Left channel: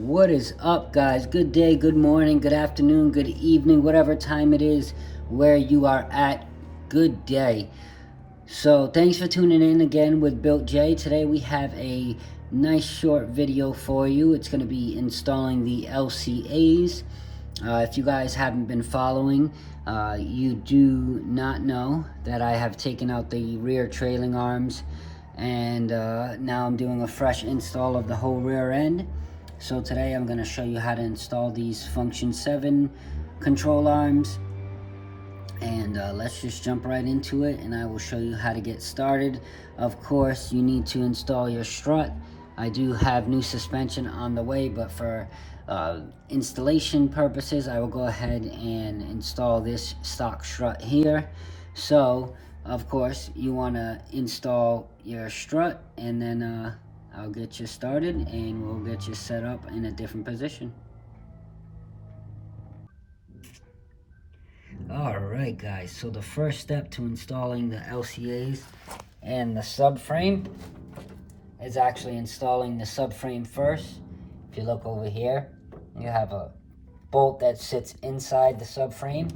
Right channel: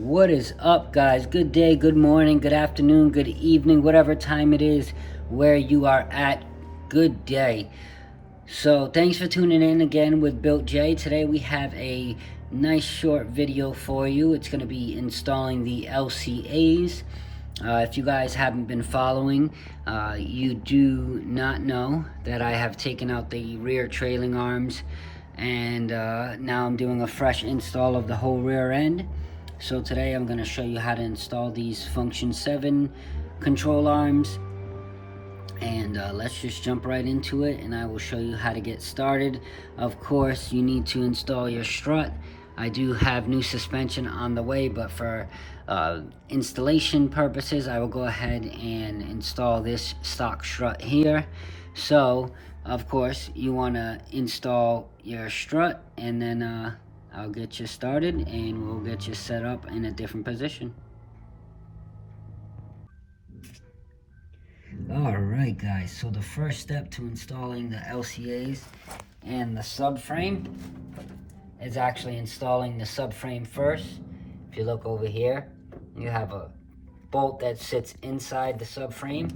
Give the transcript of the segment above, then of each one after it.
What is up, guys? Good day, good morning, good afternoon, good evening, whatever time it is where you are at. Good day. So thanks for tuning in again with Built J. Today we have a nice short video for you. It's going to be installing the LCAs. If you guys haven't been following, you do not know that I have taken out the rear trailing arms, and now I'm doing a fresh install of the whole rear end. So today I'm going to show you how to install these function 7 control arms, and let's just jump right into it, and I will show you how to get started. Of course, you need to install your strut. I do have new suspension on the way, but for installation purposes, I will go ahead and install this stock strut here. So of course you want to install your strut, and then I'll get you started and we'll get you set up in a different position. Alright guys, so the first step to installing the LCAs and the subframe is actually installing the subframe first. If you look over here, you have a bolt that sits inside the subframe.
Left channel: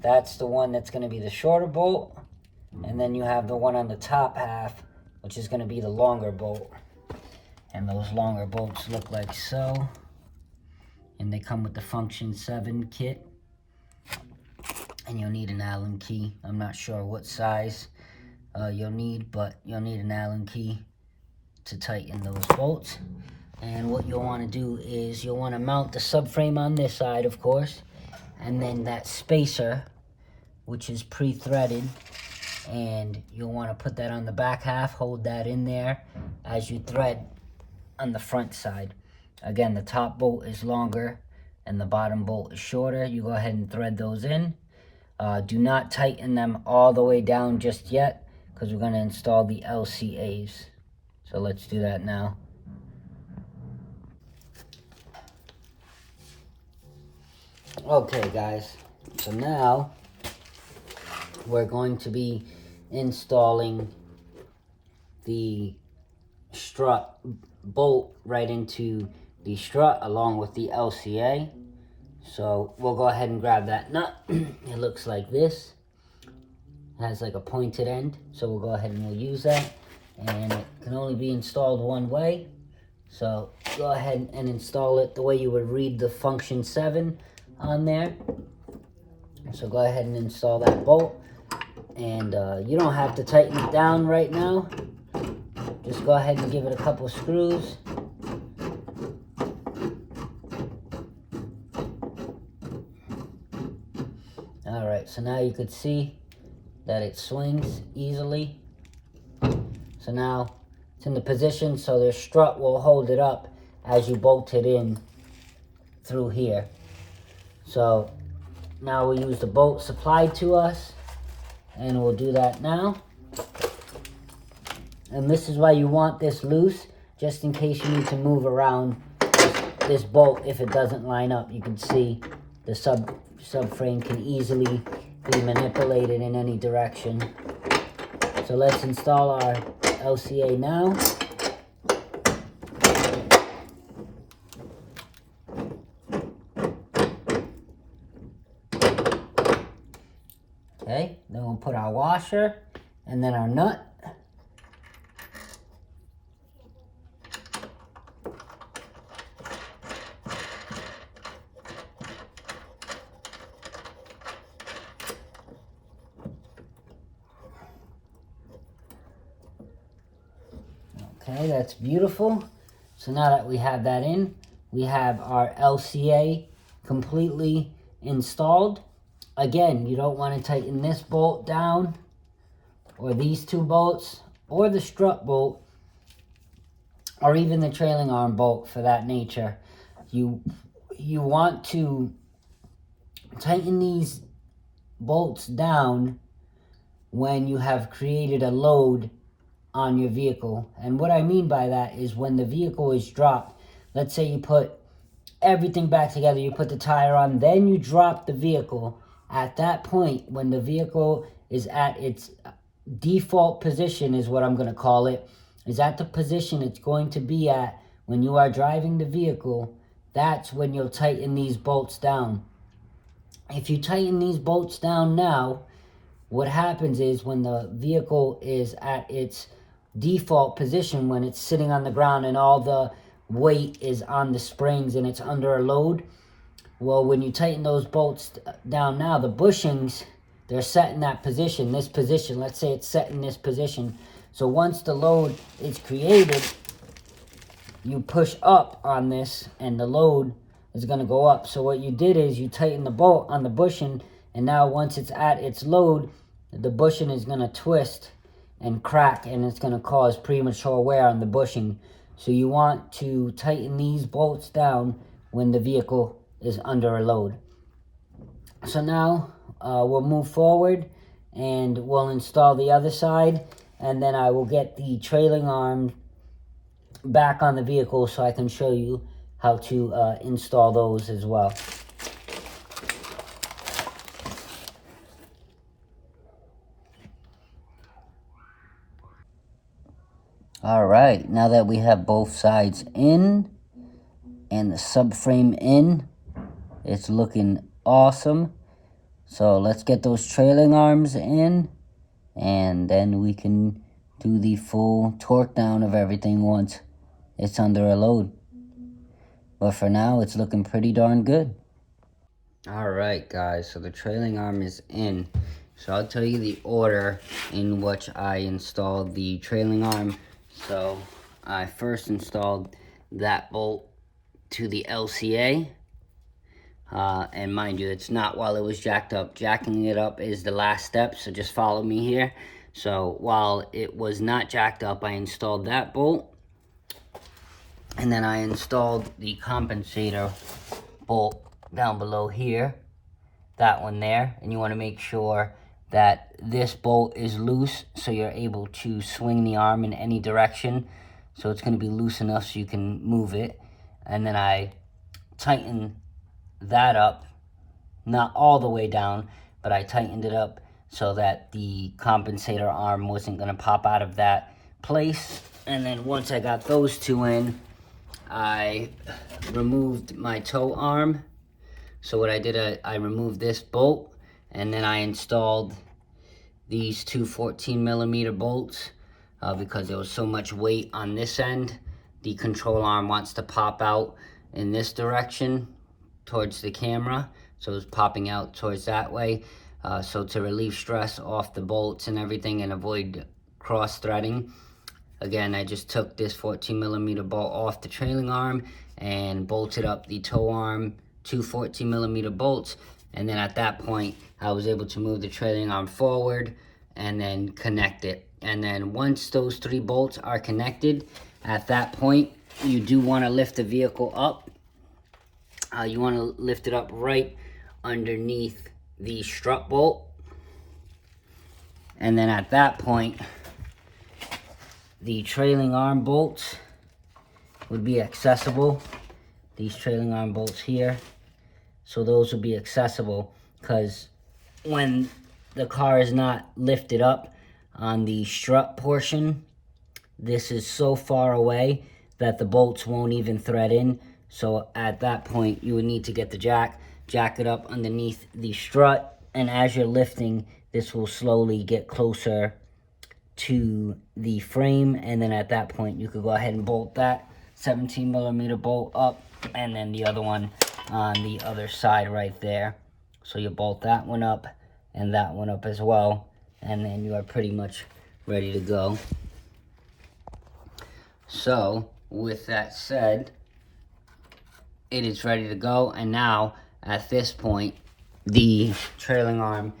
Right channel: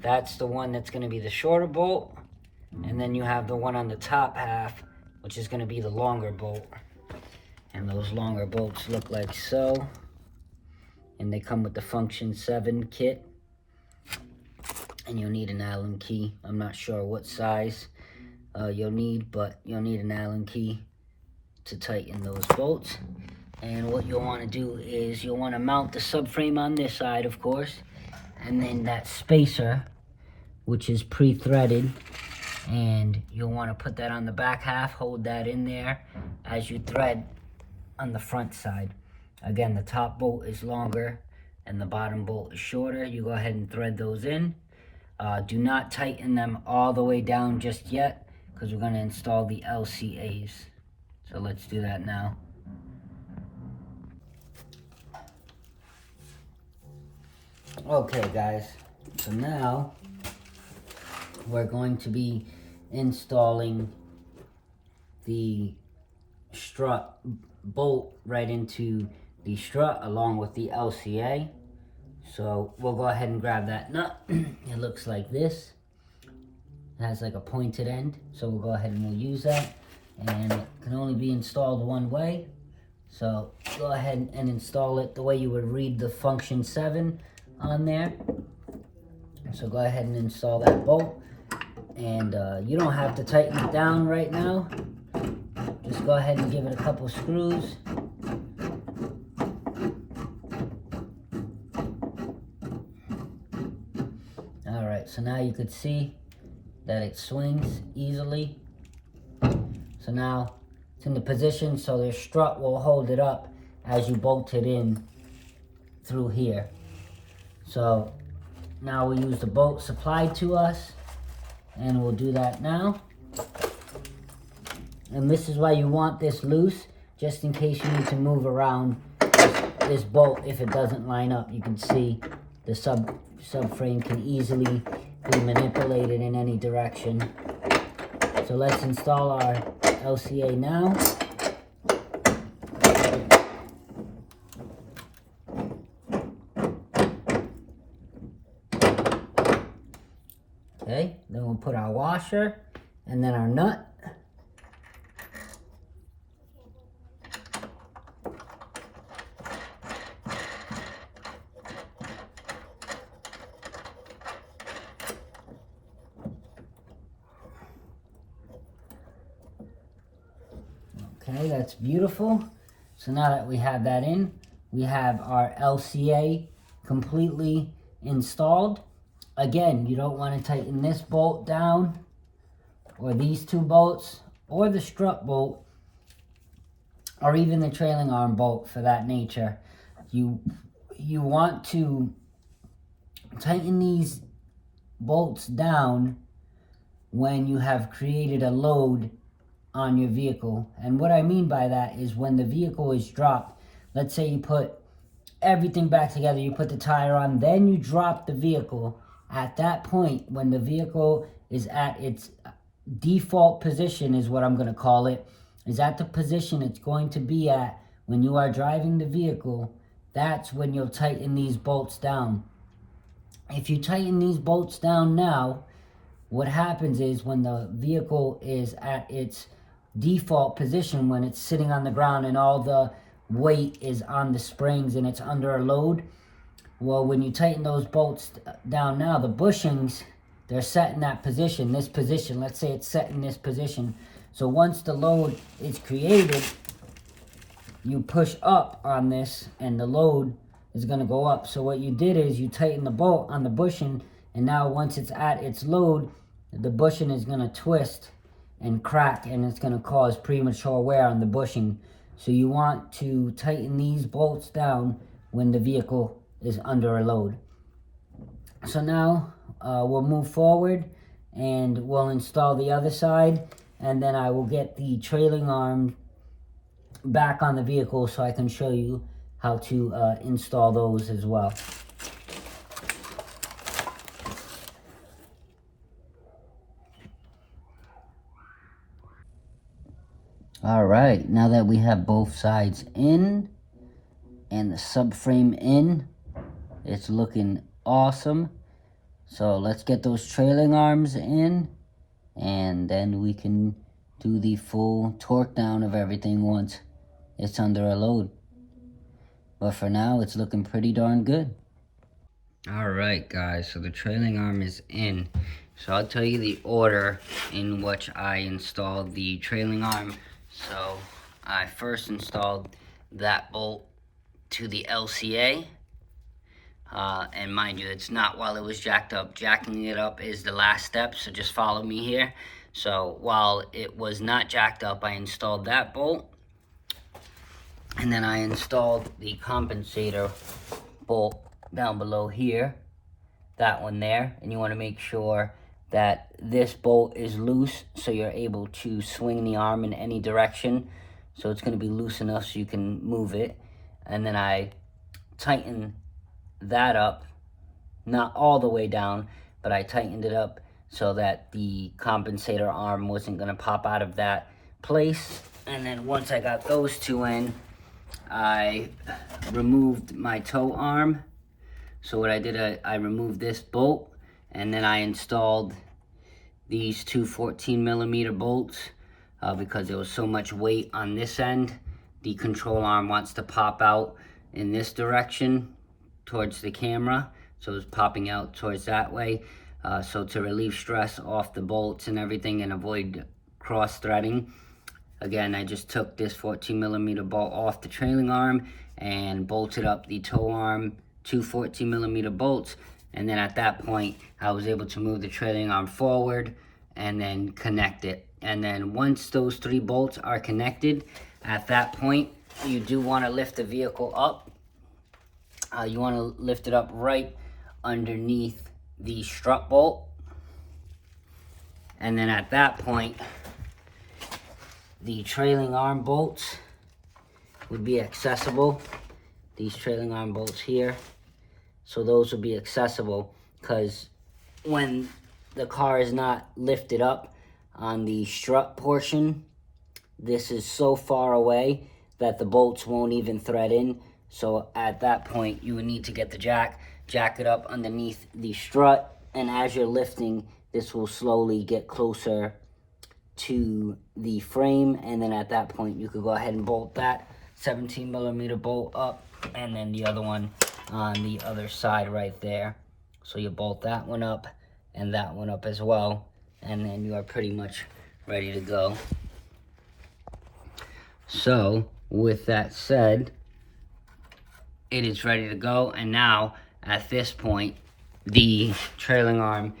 That's the one that's going to be the shorter bolt, and then you have the one on the top half, which is going to be the longer bolt. And those longer bolts look like so, and they come with the function 7 kit, and you'll need an Allen key. I'm not sure what size you'll need, but you'll need an Allen key to tighten those bolts. And what you'll want to do is you'll want to mount the subframe on this side, of course, and then that spacer, which is pre-threaded, and you'll want to put that on the back half, hold that in there as you thread on the front side. Again, the top bolt is longer and the bottom bolt is shorter. You go ahead and thread those in. Do not tighten them all the way down just yet, because we're going to install the LCAs. So let's do that now. Okay guys, so now we're going to be installing the strut bolt right into the strut along with the LCA. So we'll go ahead and grab that nut. It looks like this. It has like a pointed end, so we'll go ahead and we'll use that. And it can only be installed one way, so go ahead and install it the way you would read the function 7 on there. So go ahead and install that bolt, and you don't have to tighten it down right now. Just go ahead and give it a couple screws. Alright, so now you could see that it swings easily. So now it's in the position, so the strut will hold it up as you bolt it in through here. So now we'll use the bolt supplied to us, and we'll do that now. And this is why you want this loose, just in case you need to move around this bolt if it doesn't line up. You can see the subframe can easily be manipulated in any direction. So let's install our LCA now. Okay, then we'll put our washer and then our nut. Okay, that's beautiful. So now that we have that in, we have our LCA completely installed. Again, you don't want to tighten this bolt down, or these two bolts, or the strut bolt, or even the trailing arm bolt for that nature. You want to tighten these bolts down when you have created a load on your vehicle. And what I mean by that is when the vehicle is dropped, let's say you put everything back together, you put the tire on, then you drop the vehicle. At that point, when the vehicle is at its default position, is what I'm going to call it, is at the position it's going to be at when you are driving the vehicle, that's when you'll tighten these bolts down. If you tighten these bolts down now, what happens is when the vehicle is at its default position, when it's sitting on the ground and all the weight is on the springs and it's under a load, well, when you tighten those bolts down now, the bushings, they're set in that position, this position. Let's say it's set in this position. So once the load is created, you push up on this and the load is going to go up. So what you did is you tighten the bolt on the bushing, and now once it's at its load, the bushing is going to twist and crack, and it's going to cause premature wear on the bushing. So you want to tighten these bolts down when the vehicle is under a load. So now we'll move forward and we'll install the other side, and then I will get the trailing arm back on the vehicle so I can show you how to install those as well. Alright, now that we have both sides in and the subframe in, it's looking awesome. So let's get those trailing arms in, and then we can do the full torque down of everything once it's under a load. But for now, it's looking pretty darn good. Alright guys, so the trailing arm is in. So I'll tell you the order in which I installed the trailing arm. So I first installed that bolt to the LCA. And mind you, it's not while it was jacked up. Jacking it up is the last step, so just follow me here. So while it was not jacked up, I installed that bolt. And then I installed the compensator bolt down below here, that one there, and you want to make sure that this bolt is loose so you're able to swing the arm in any direction. So it's going to be loose enough so you can move it. And then I tighten that up, not all the way down, but I tightened it up so that the compensator arm wasn't going to pop out of that place. And then once I got those two in, I removed my toe arm. So what I did, I removed this bolt, and then I installed these two 14mm bolts because there was so much weight on this end. The control arm wants to pop out in this direction towards the camera, so it's popping out towards that way. So to relieve stress off the bolts and everything and avoid cross-threading, again, I just took this 14mm bolt off the trailing arm and bolted up the toe arm, two 14mm bolts, and then at that point I was able to move the trailing arm forward and then connect it. And then once those three bolts are connected, at that point you do want to lift the vehicle up. You want to lift it up right underneath the strut bolt, and then at that point the trailing arm bolts would be accessible. These trailing arm bolts here, so those will be accessible, because when the car is not lifted up on the strut portion, this is so far away that the bolts won't even thread in. So at that point you would need to get the jack it up underneath the strut, and as you're lifting, this will slowly get closer to the frame, and then at that point you could go ahead and bolt that 17mm bolt up, and then the other one on the other side right there. So you bolt that one up and that one up as well, and then you are pretty much ready to go. So with that said, it is ready to go, and now at this point the trailing arm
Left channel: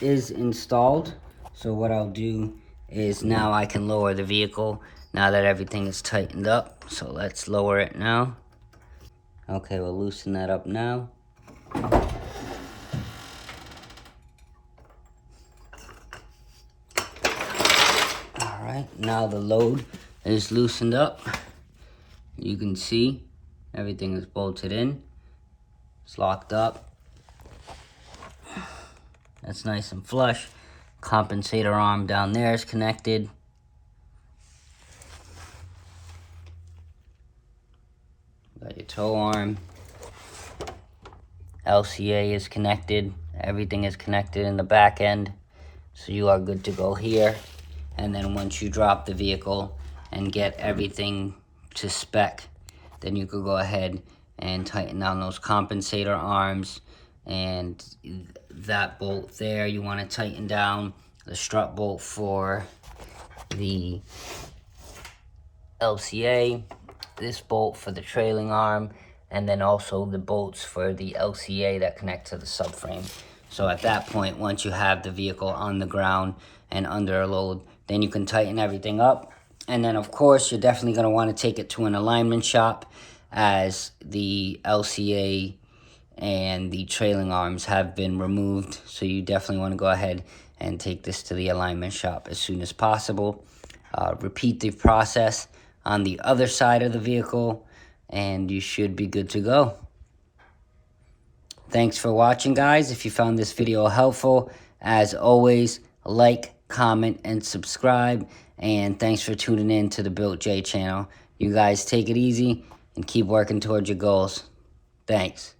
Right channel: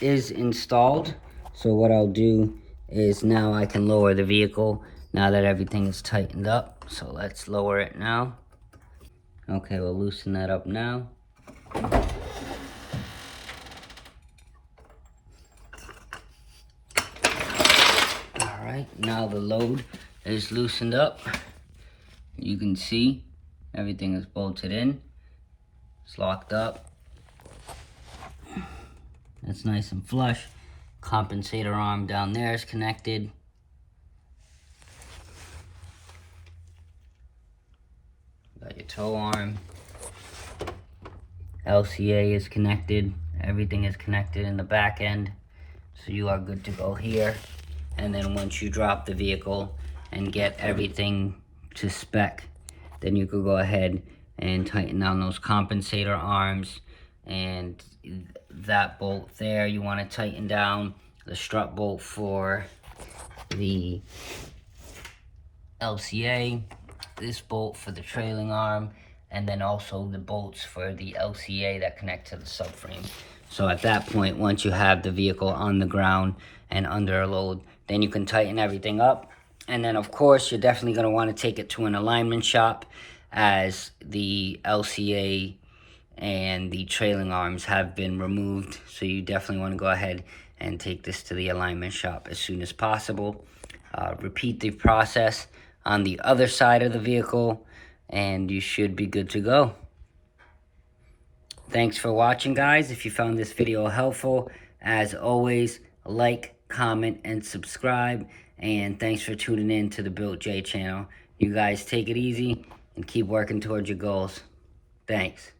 is installed. So what I'll do is now I can lower the vehicle now that everything is tightened up. So let's lower it now. Okay, we'll loosen that up now. Alright, now the load is loosened up. You can see everything is bolted in. It's locked up. That's nice and flush. Compensator arm down there is connected. Got your tow arm. LCA is connected. Everything is connected in the back end. So you are good to go here. And then once you drop the vehicle and get everything to spec, then you could go ahead and tighten down those compensator arms, and that bolt there you want to tighten down, the strut bolt for the LCA, this bolt for the trailing arm, and then also the bolts for the LCA that connect to the subframe. So at that point, once you have the vehicle on the ground and under a load, then you can tighten everything up. And then of course, you're definitely going to want to take it to an alignment shop, as the LCA and the trailing arms have been removed. So you definitely want to go ahead and take this to the alignment shop as soon as possible. Repeat the process on the other side of the vehicle, and you should be good to go. Thanks for watching, guys. If you found this video helpful, as always, like, comment, and subscribe. And thanks for tuning in to the Built J channel. You guys take it easy and keep working towards your goals. Thanks.